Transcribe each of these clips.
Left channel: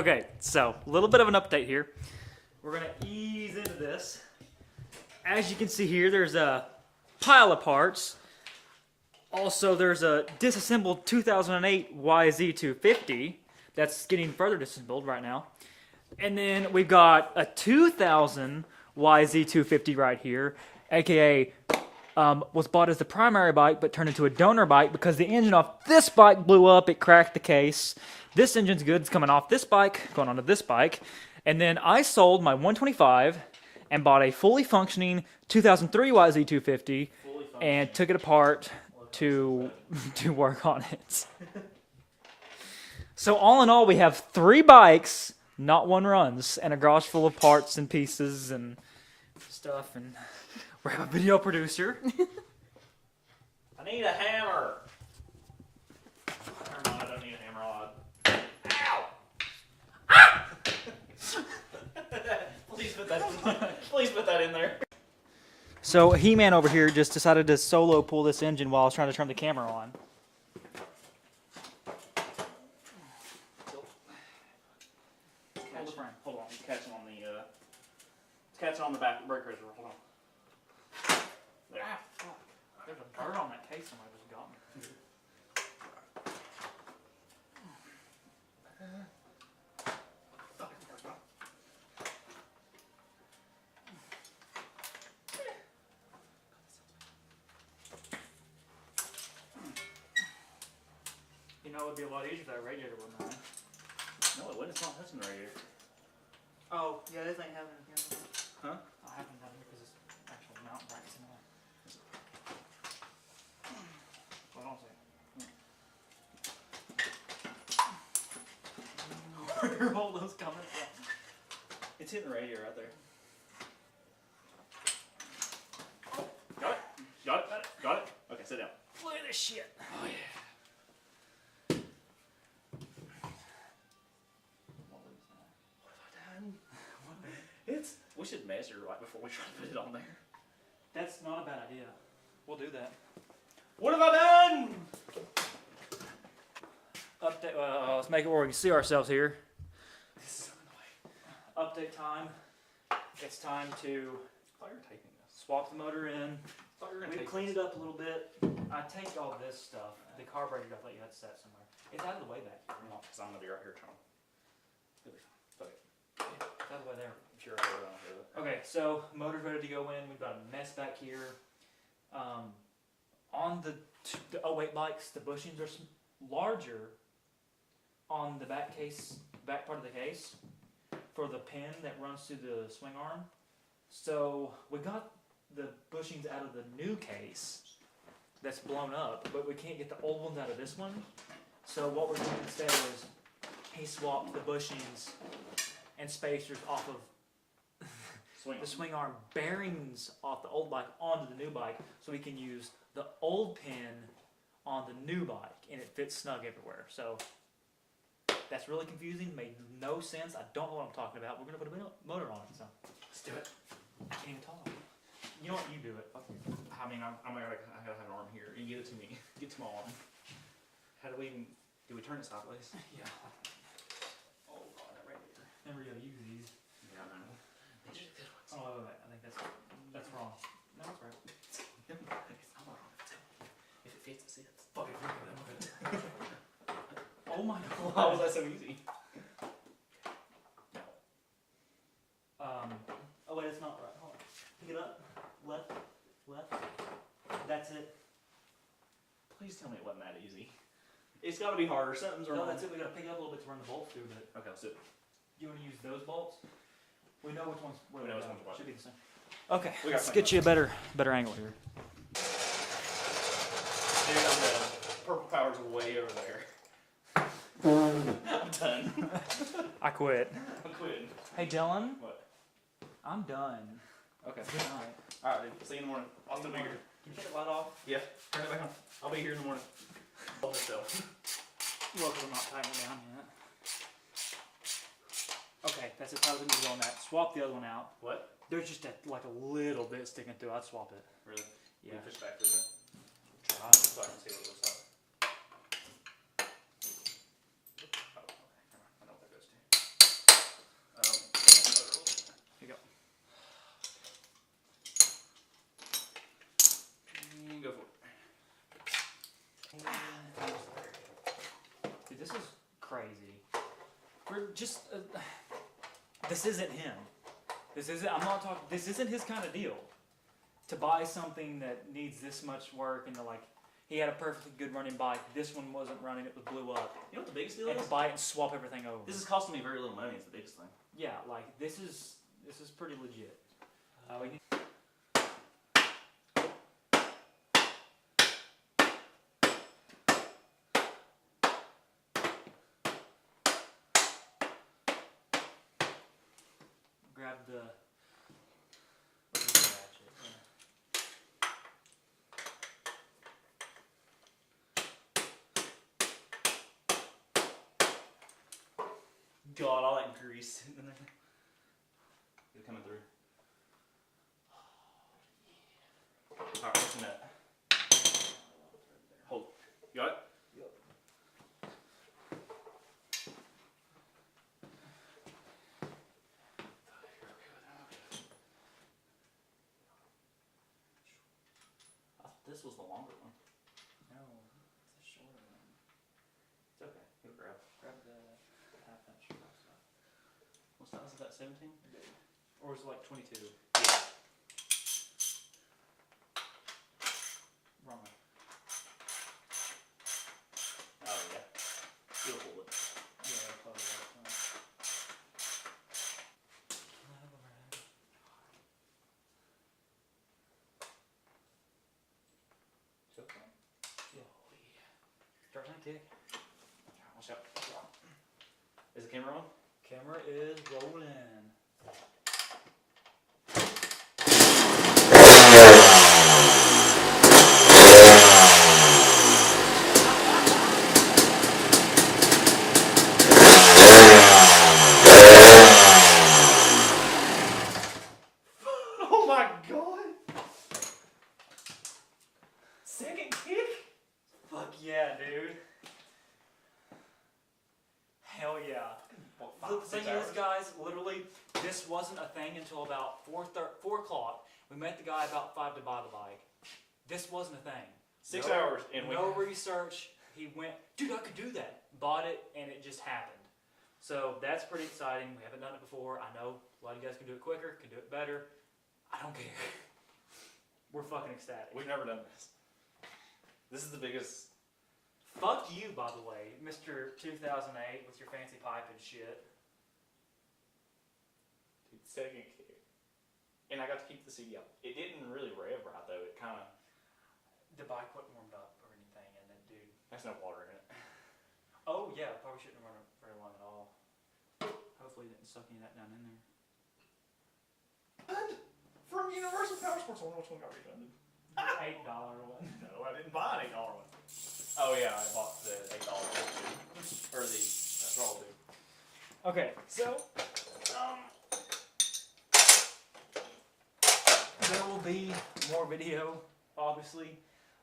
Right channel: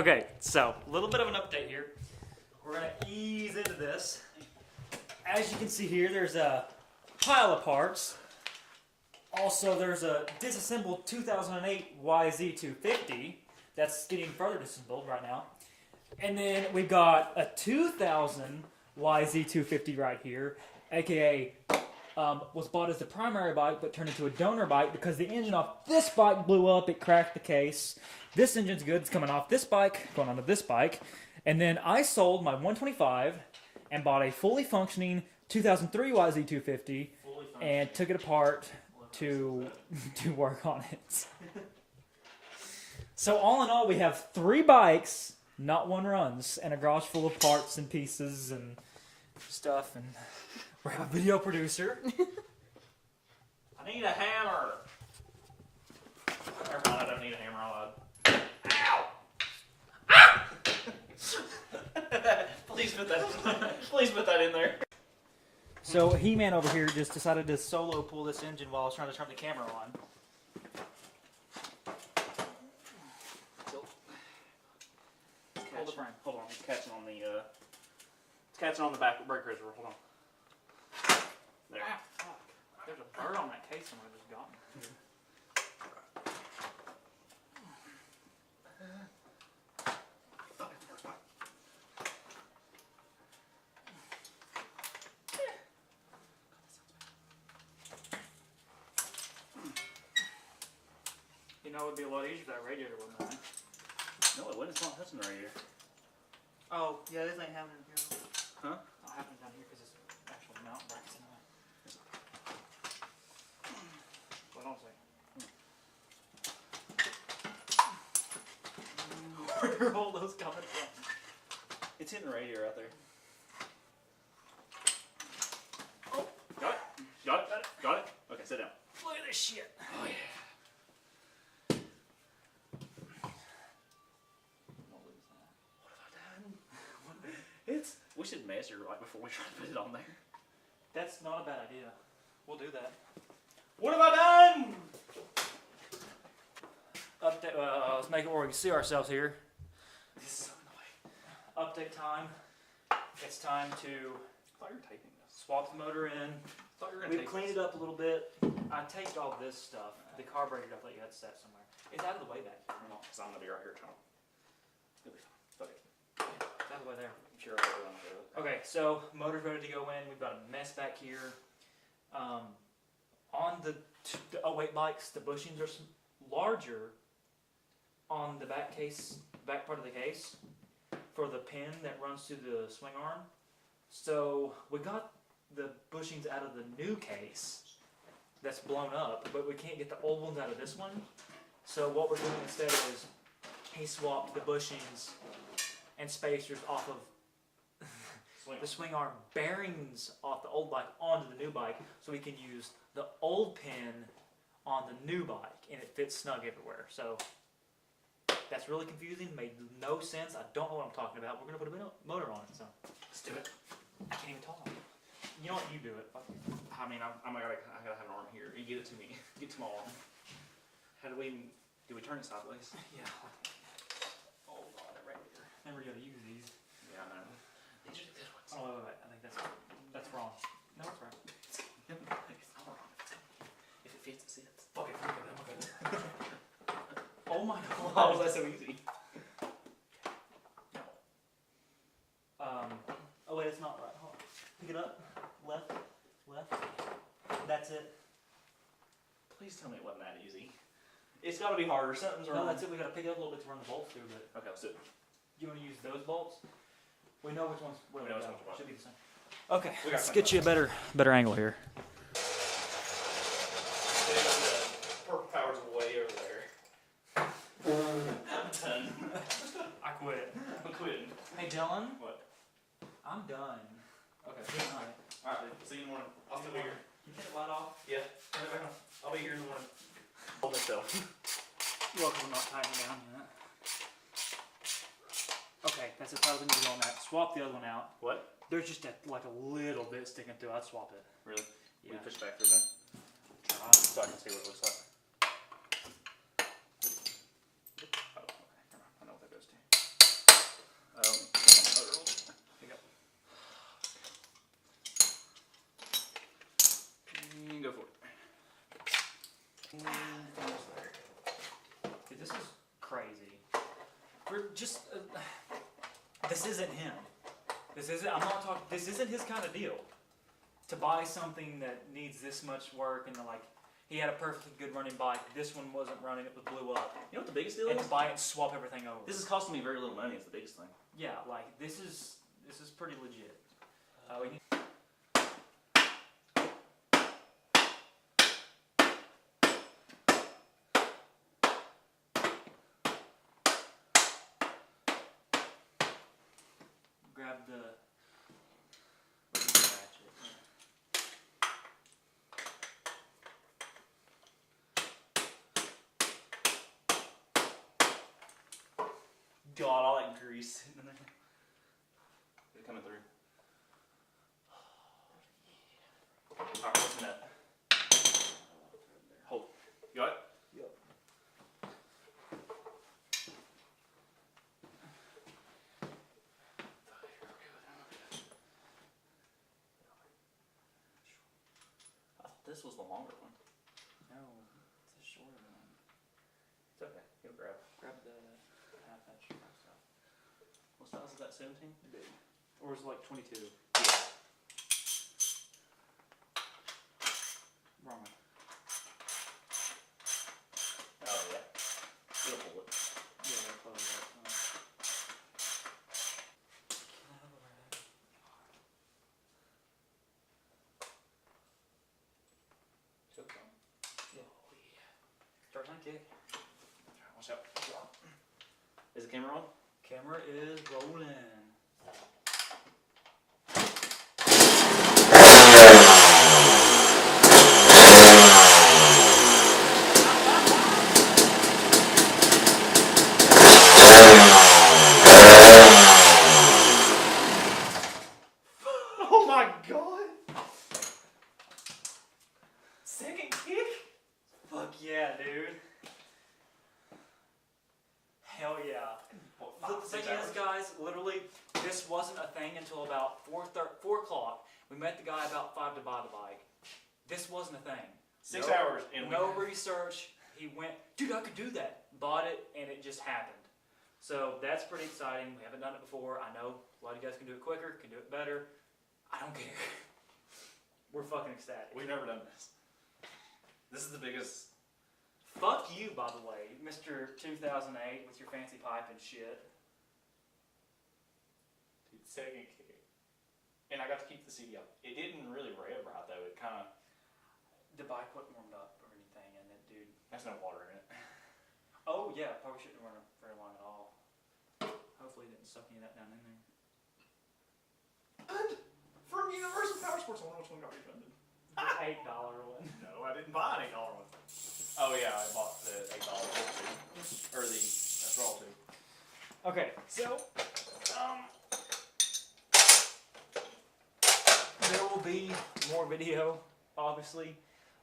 Okay, so a little bit of an update here. We're gonna ease into this. As you can see here, there's a pile of parts. Also, there's a disassembled 2008 YZ250 that's getting further disassembled right now. And then we got a 2000 YZ250 right here, aka was bought as the primary bike but turned into a donor bike because the engine off this bike blew up, it cracked the case. This engine's good, it's coming off this bike, going onto this bike. And then I sold my 125 and bought a fully functioning 2003 YZ250 and took it apart to work on it. So all in all, we have 3 bikes, not one runs, and a garage full of parts and pieces and stuff. And we have a video producer. I need a hammer. Never mind, I don't need a hammer. Ow! Ah! Please put that in there. So He-Man over here just decided to solo pull this engine while I was trying to turn the camera on. Hold the frame. Hold on. It's catching on the. It's catching on the back brake cruiser. Hold on. There. Ah, fuck. There's a bird on that case somewhere that just got me. You know, it would be a lot easier if that radiator wasn't on. No, it wouldn't. It's not touching the radiator. Oh, yeah, this ain't happening here. Huh? I'll have it down here because it's actual mountain brackets anyway. Hold on a second. Where are all those coming from? It's hitting the radiator out there. Oh, got it. Got it. Got it. Got it. Okay, sit down. Look at this shit. Oh yeah. We should measure right before we try to put it on there. That's not a bad idea. We'll do that. What have I done? Update. Let's make it where we can see ourselves here. This is so annoying. Update time. It's time to I thought you were taping this. swap the motor in. I thought you were going to We've cleaned it up a little bit. I taped all this stuff. The carburetor, I thought you had set somewhere. It's out of the way back here. No, because I'm going to be right here trying. It'll be fine. Fuck it. It's out of the way there. I'm sure I'll run through it. Okay, so motor's ready to go in. We've got a mess back here. On the 08 bikes, the bushings are larger on the back part of the case for the pin that runs through the swing arm. So we got the bushings out of the new case that's blown up, but we can't get the old ones out of this one. So what we're doing instead is he swapped the bushings and spacers off of the swing arm bearings off the old bike onto the new bike, so we can use the old pin on the new bike, and it fits snug everywhere. So that's really confusing, made no sense. I don't know what I'm talking about. We're gonna put a motor on it, so Let's do it. I can't even talk. You know what? You do it. Fuck you. I mean, I gotta have an arm here. You get it to me. Get to my arm. How do we turn it sideways? Yeah. Oh god, that radiator. Never gotta use these. Yeah, I know. These are the good ones. Oh wait. I think that's wrong. No, that's right. It's not wrong. If it fits, it sits. Fuck it. Oh my god. How was that so easy? Oh wait, it's not right. Hold on. Pick it up. Left. That's it. Please tell me it wasn't that easy. It's got to be harder. Something's wrong. No, that's it. We gotta pick it up a little bit to run the bolts through. But Okay, let's do it. you want to use those bolts? We know which ones. We know which ones are what. Should be the same. Okay, We got let's get you a better angle here. The purple power's way over there. I'm done. I quit. I'm quitting. Hey Dylan, What? I'm done. Okay. Good night. Alright, dude. See you in the morning. I'll still be here. Can you take the light off? Yeah. Turn it back on. I'll be here in the morning. Hold this though. You're welcome to not tightening it down yet. Okay, that's as tight as we need to go on that. Swap the other one out. What? There's just like a little bit sticking through. I'd swap it. Really? Yeah. We push back through there? Try. So I can see what it looks like. Oh, okay. Never mind. I know what that goes to. this is crazy. We're just, this isn't him. This isn't his kind of deal. To buy something that needs this much work and to like, he had a perfectly good running bike. This one wasn't running, it was blew up. You know what the biggest deal And is? to buy it and swap everything over. This is costing me very little money. It's the biggest thing. Yeah, like this is pretty legit. We need grab the ratchet. God, all that grease in there. It's coming through. Alright, what's in that? Hold. You got it? Yep. I thought this was the longer one. No, it's a shorter one. It's okay. You'll grab. Grab the half inch stuff. What size is that? 17? Or is it like 22? Yeah. Wrong way. Oh yeah. You'll pull it. Yeah, I'll close it up. Can I have a rag? Choke on. Oh yeah. Start time kick. Watch out. Is the camera on? Camera is rolling. Oh my god! Second kick? Fuck yeah, dude. Hell yeah. What, The 5, 6 thing is, hours? guys, literally, this wasn't a thing until about 4 o'clock. We met the guy about 5 to buy the bike. This wasn't a thing. 6 No- hours and we No research. He went, dude, I could do that. Bought it, and it just happened. So that's pretty exciting. We haven't done it before. I know a lot of you guys can do it quicker, can do it better. I don't care. We're fucking ecstatic. We've never done this. This is the biggest. Fuck you, by the way, Mr. 2008 with your fancy pipe and shit. Dude, second kick. And I got to keep the CD up. It didn't really rev right though. It kind of. The bike wasn't warmed up or anything, and then, dude. There's no water in it. Oh, yeah, probably shouldn't run it very long at all. Hopefully, it didn't suck any of that down in there. And from Universal Power Sports, I wonder which one got refunded. $8 one. No, I didn't buy an $8 one. Oh yeah, I bought the $8 one too. Or the Raw too. Okay, so there will be more video, obviously,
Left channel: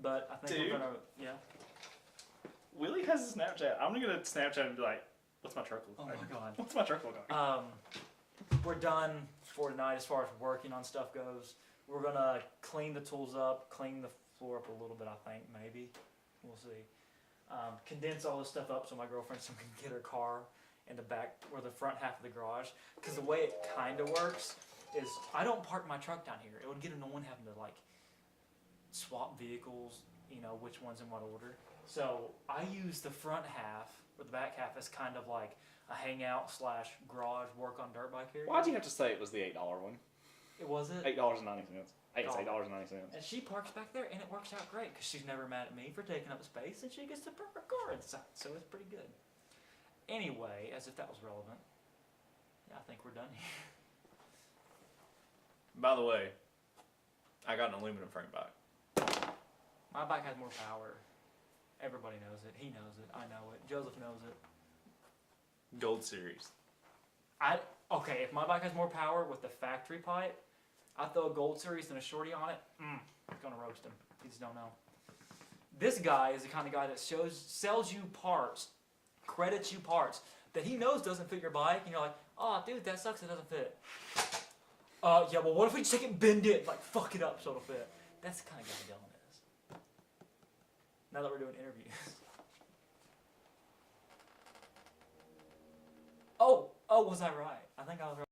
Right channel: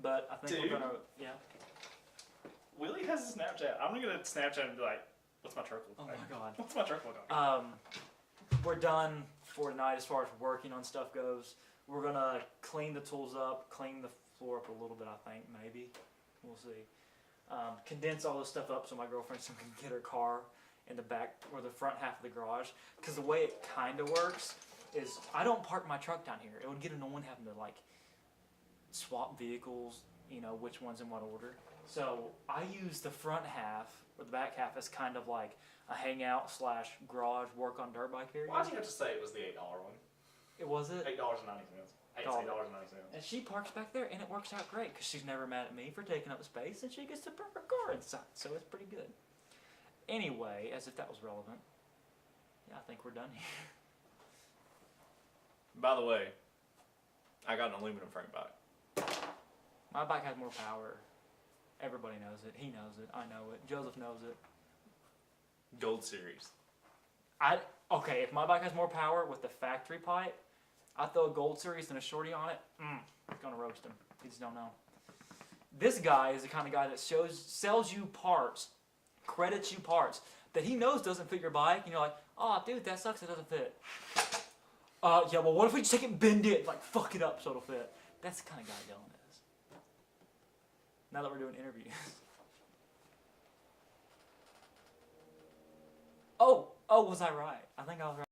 but I think Dude. we're gonna, Willie has a Snapchat. I'm gonna get a Snapchat and be like, "What's my truck look Oh like? my god. What's my truck look like?" We're done for tonight as far as working on stuff goes. We're gonna clean the tools up, clean the floor up a little bit. I think maybe we'll see. Condense all this stuff up so my girlfriend can get her car in the back or the front half of the garage. Because the way it kind of works is I don't park my truck down here. It would get annoying having to like swap vehicles, you know, which one's in what order. So I use the front half or the back half as kind of like a hangout / garage work on dirt bike area. Why'd you have to say it was the $8 one? It was it. $8.90. I guess $8.90. And she parks back there, and it works out great because she's never mad at me for taking up space, and she gets to park her car inside, so it's pretty good. Anyway, as if that was relevant, yeah, I think we're done here. By the way, I got an aluminum frame bike. My bike has more power. Everybody knows it. He knows it. I know it. Joseph knows it. Gold Series. Okay, if my bike has more power with the factory pipe, I throw a Gold Series and a shorty on it, it's gonna roast him. You just don't know. This guy is the kind of guy that sells you parts, credits you parts that he knows doesn't fit your bike, and you're like, oh, dude, that sucks, it doesn't fit. Yeah, well, what if we just take it and bend it, like, fuck it up so it'll fit? That's the kind of guy Dylan is. Now that we're doing interviews. Oh, was I right? I think I was right.